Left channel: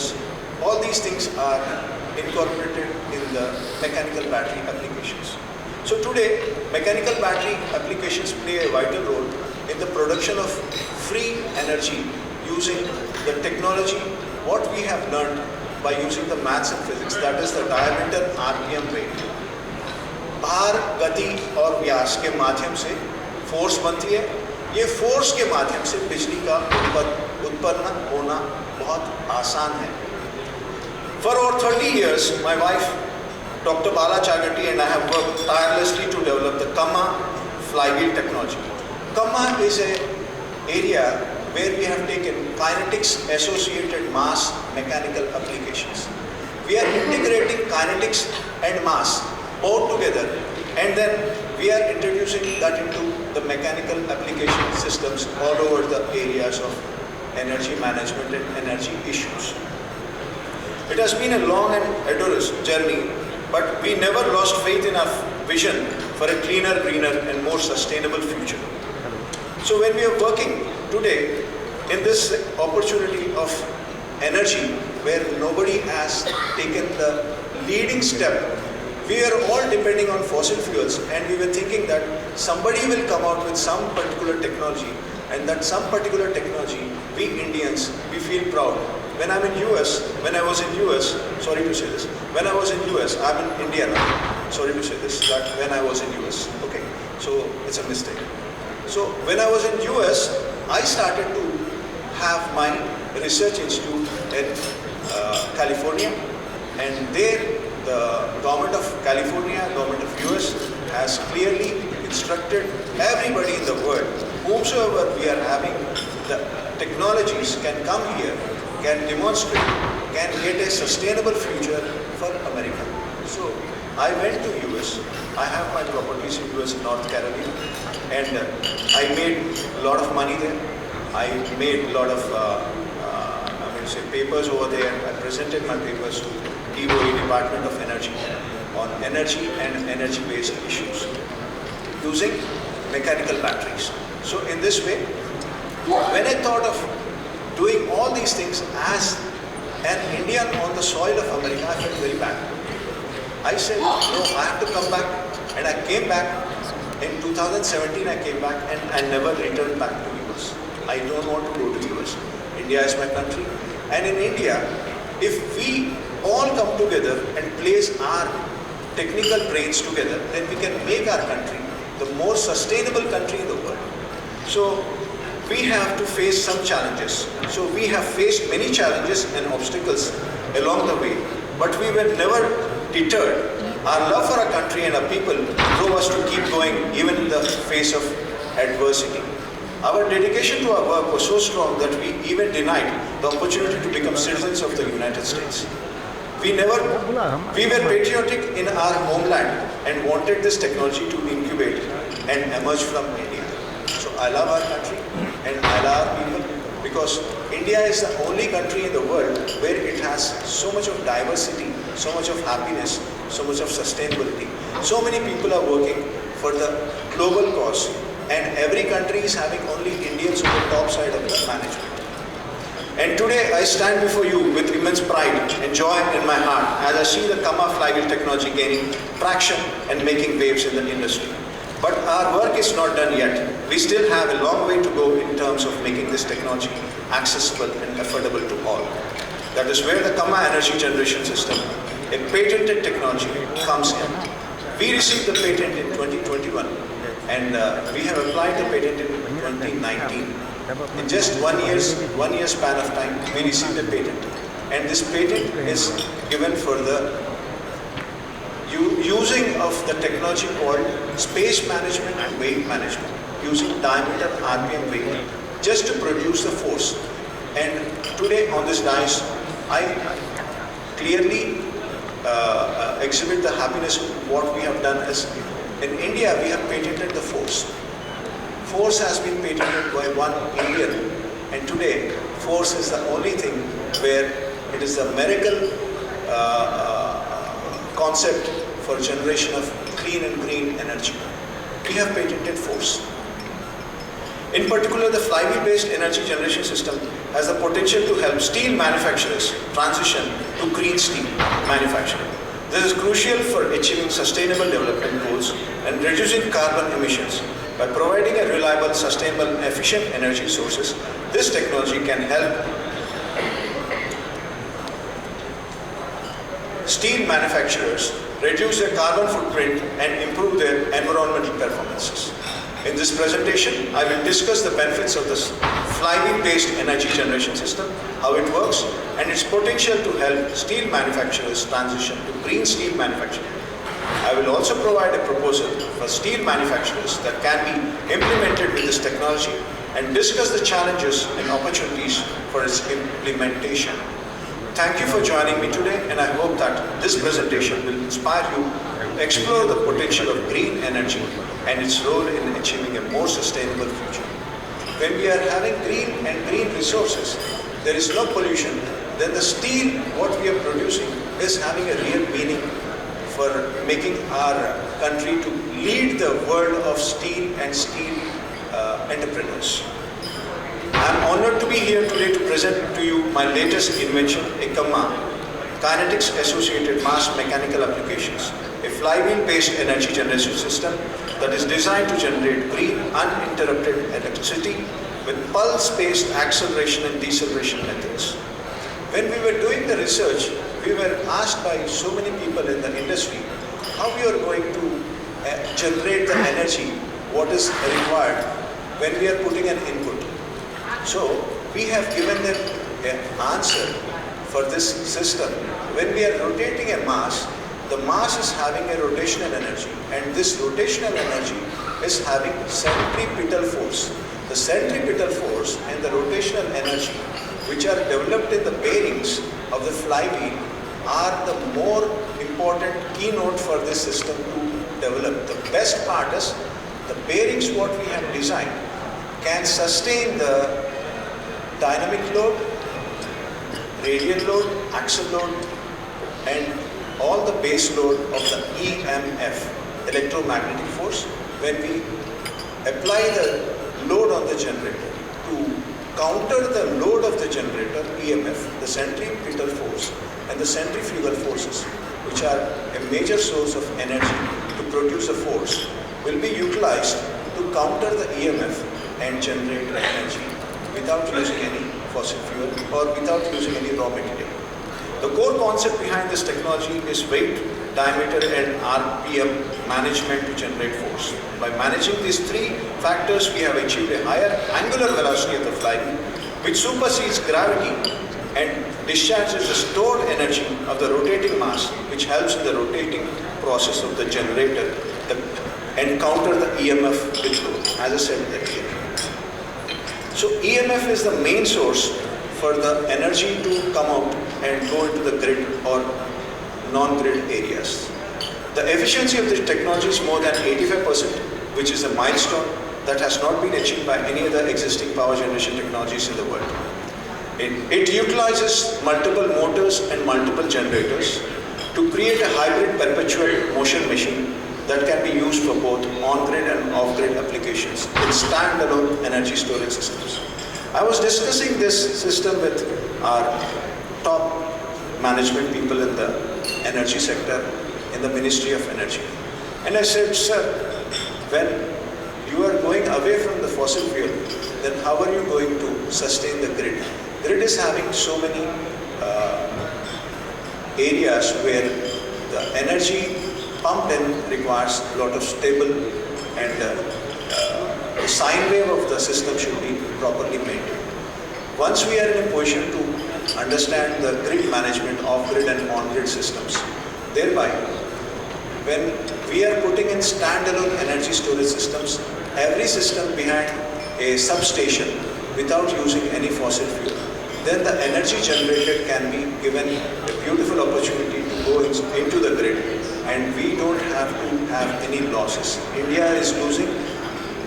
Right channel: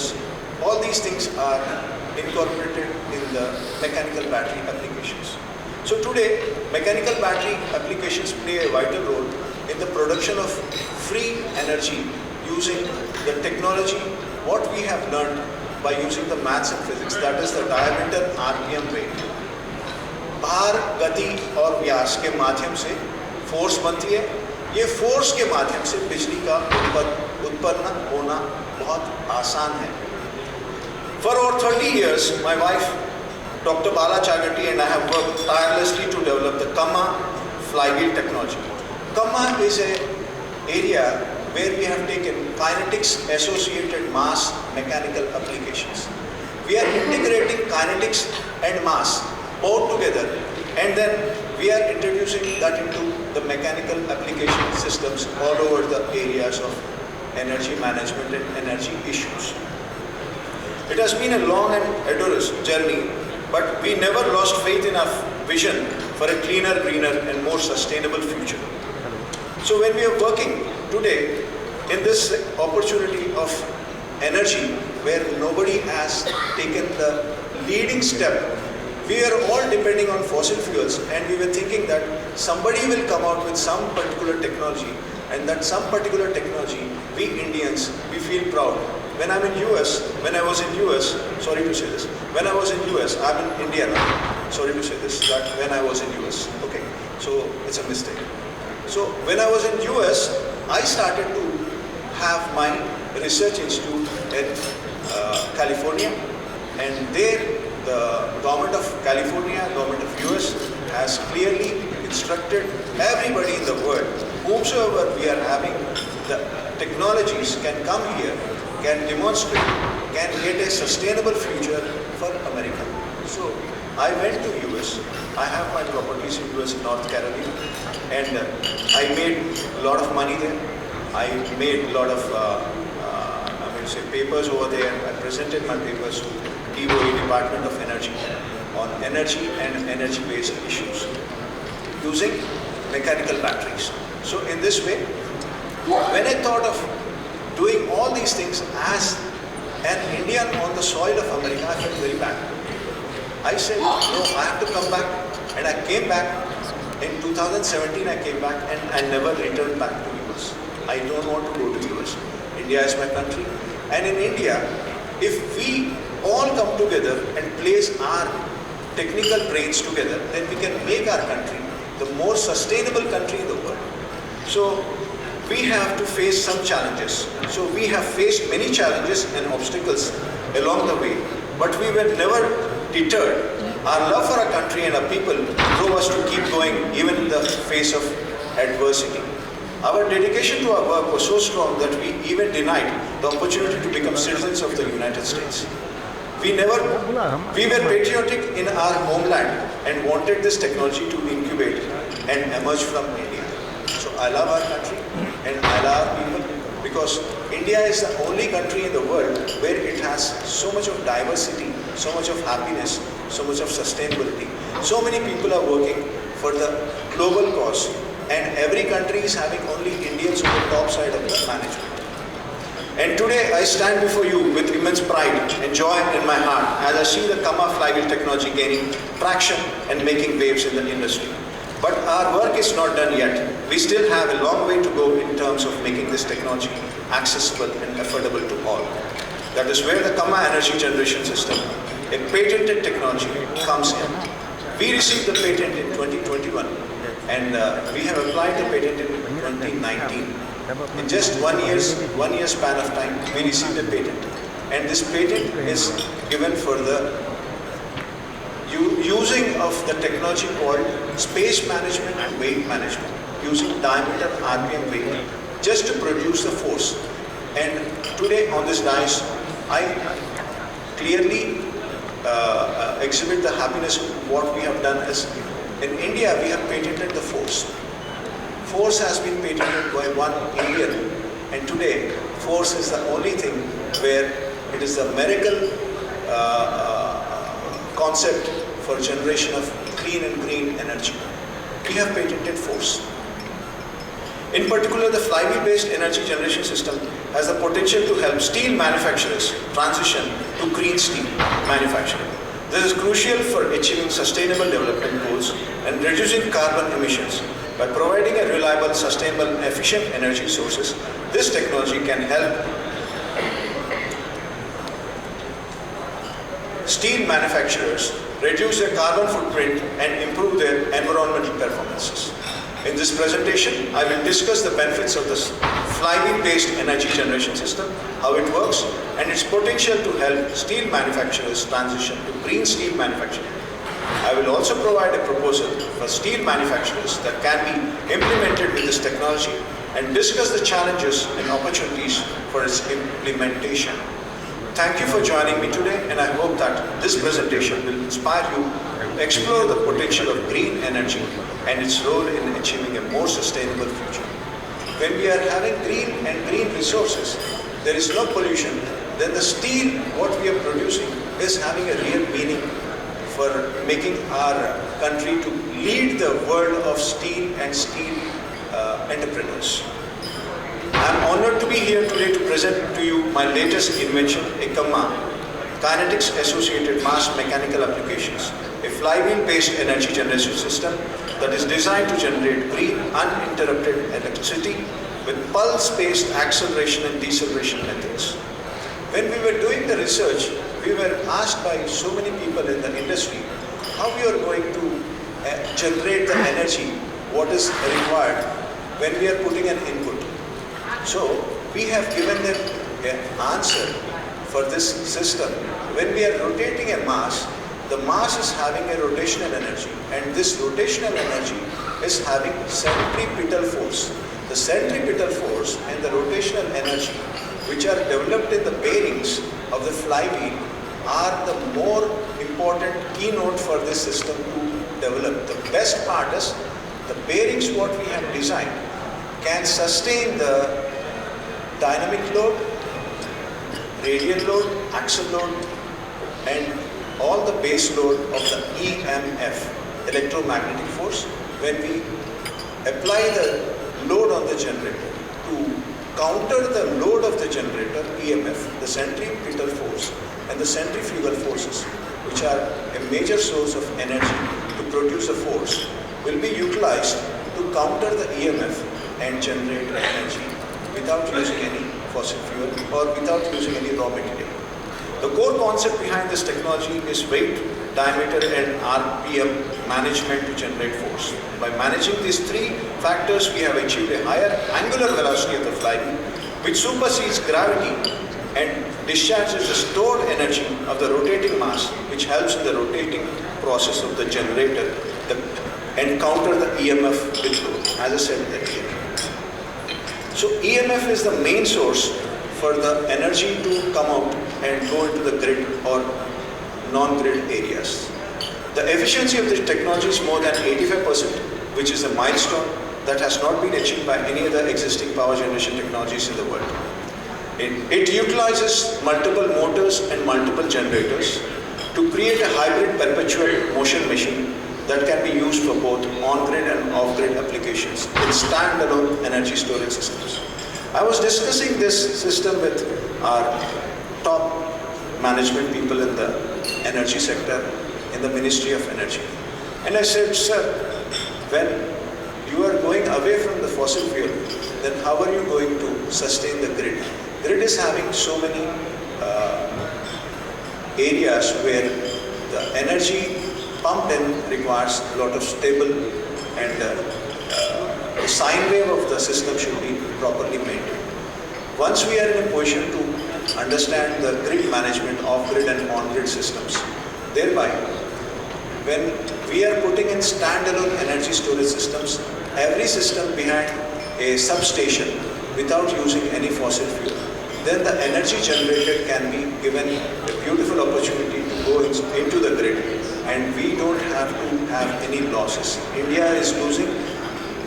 motors, all these things are incorporated in the mechanical battery applications. So today, mechanical battery applications play a vital role in the production of free energy using the technology, what we have learned by using the maths and physics, that is the diameter RPM rate. भार, गति और व्यास के माध्यम से force बनती है, ये force के माध्यम से बिजली का उत्पन्न होना बहुत आसान है. For over 30 years, my wife, Dr. Bala Chagati, and I have worked tirelessly to develop the Kamma flywheel technology. Kamma is an area where we have taken kinetics associated mass mechanical applications. We are integrating kinetics and mass both together, and then we are introducing that into the mechanical application systems all over the areas of energy management and energy issues. It has been a long and arduous journey, but we never lost faith in our vision for a cleaner, greener and more sustainable future. So when we are working today in this opportunity of energy where nobody has taken the leading step, we are all depending on fossil fuels, and we were thinking that somebody will come out with some particular technology, and that some particular technology, we Indians, we feel proud. When I was in US, sorry to say this, when I was in US, I'm in India now, sorry to say this, that when I was in US, okay, so it's a mistake. So when I was in US, I started to have my research institute in California, and there the government of California, government of US has clearly instructed everybody in the world, whomsoever we are having the technologies can come here, can demonstrate, can get a sustainable future for America. So I went to US, I have my properties in US in North Carolina, and I made a lot of money there. I made a lot of papers over there. I presented my papers to DOE, Department of Energy, on energy and energy-based issues using mechanical batteries. So in this way, when I thought of doing all these things as an Indian on the soil of America, I felt very bad. I said, no, I have to come back. And I came back. In 2017, I came back and I never returned back to US. I don't want to go to US. India is my country. And in India, if we all come together and place our technical brains together, then we can make our country the more sustainable country in the world. So we have to face some challenges. So we have faced many challenges and obstacles along the way, but we were never deterred. Our love for our country and our people drove us to keep going even in the face of adversity. Our dedication to our work was so strong that we even denied the opportunity to become citizens of the United States. We were patriotic in our homeland and wanted this technology to incubate and emerge from India. So I love our country and I love our people, because India is the only country in the world where it has so much of diversity, so much of happiness, so much of sustainability. So many people are working for the global cause, and every country is having only Indians on the top side of the management. And today I stand before you with immense pride and joy in my heart as I see the Kamma flywheel technology gaining traction and making waves in the industry. But our work is not done yet. We still have a long way to go in terms of making this technology accessible and affordable to all. That is where the Kamma energy generation system, a patented technology, comes in. We received the patent in 2021, and we have applied the patent in 2019. In just 1 year span of time, we received a patent. And this patent is given for the using of the technology called space management and weight management, using diameter RPM weight just to produce the force. And today on this dais, I clearly exhibit the happiness of what we have done. As in India, we have patented the force. Force has been patented by one Indian, and today force is the only thing where it is a miracle concept for generation of clean and green energy. We have patented force. In particular, the flywheel-based energy generation system has the potential to help steel manufacturers transition to green steel manufacturing. This is crucial for achieving sustainable development goals and reducing carbon emissions. By providing a reliable, sustainable, and efficient energy sources, this technology can help steel manufacturers reduce their carbon footprint and improve their environmental performances. In this presentation, I will discuss the benefits of this flywheel-based energy generation system, how it works, and its potential to help steel manufacturers transition to green steel manufacturing. I will also provide a proposal for steel manufacturers that can be implemented with this technology and discuss the challenges and opportunities for its implementation. Thank you for joining me today, and I hope that this presentation will inspire you to explore the potential of green energy and its role in achieving a more sustainable future. When we are having green resources, there is no pollution, then the steel, what we are producing, is having a real meaning for making our country to lead the world of steel and steel entrepreneurs. I am honored to be here today to present to you my latest invention, a KAMA, Kinetics Associated Mass Mechanical Applications, a flywheel-based energy generation system that is designed to generate green, uninterrupted electricity with pulse-based acceleration and deceleration methods. When we were doing the research, we were asked by so many people in the industry how we are going to generate the energy, what is required when we are putting an input. So we have given them an answer for this system. When we are rotating a mass, the mass is having a rotational energy, and this rotational energy is having centripetal force. The centripetal force and the rotational energy, which are developed in the bearings of the flywheel, are the more important keynote for this system to develop. The best part is the bearings what we have designed can sustain the dynamic load, radial load, axle load, and all the base load of the EMF, electromagnetic force, when we apply the load on the generator. To counter the load of the generator, EMF, the centripetal force and the centrifugal forces, which are a major source of energy to produce a force, will be utilized to counter the EMF and generate energy without using any fossil fuel or without using any raw material. The core concept behind this technology is weight, diameter, and RPM management to generate force. By managing these three factors, we have achieved a higher angular velocity of the flywheel, which supersedes gravity and discharges the stored energy of the rotating mass, which helps in the rotating process of the generator and counter the EMF with load, as I said earlier. So EMF is the main source for the energy to come out and go into the grid or non-grid areas. The efficiency of this technology is more than 85%, which is a milestone that has not been achieved by any other existing power generation technologies in the world. It utilizes multiple motors and multiple generators to create a hybrid perpetual motion machine that can be used for both on-grid and off-grid applications in standalone energy storage systems. I was discussing this system with our top management people in the energy sector, in the Ministry of Energy. And I said, sir, when you are going away from the fossil fuel, then how are you going to sustain the grid? Grid is having so many areas where the energy pumped in requires a lot of stable, and the sine wave of the system should be properly maintained. Once we are in a position to understand the grid management, off-grid and on-grid systems, thereby when we are putting in standalone energy storage systems, every system behind a substation without using any fossil fuel, then the energy generated can be given a beautiful opportunity to go into the grid, and we don't have to have any losses. India is losing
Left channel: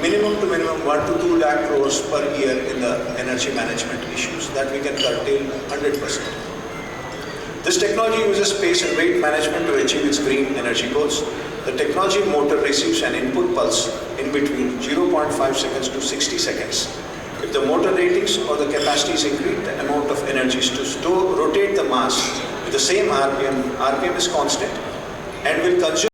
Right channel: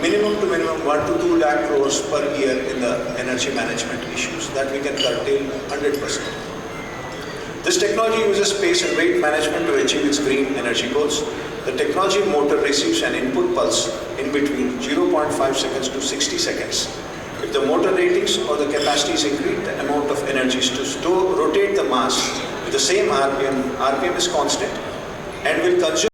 minimum to minimum 1 to 2 lakh crores per year in the energy management issues that we can curtail 100%. This technology uses space and weight management to achieve its green energy goals. The technology motor receives an input pulse in between 0.5 seconds to 60 seconds. If the motor ratings or the capacity is increased, the amount of energy is to rotate the mass with the same RPM. RPM is constant and will consume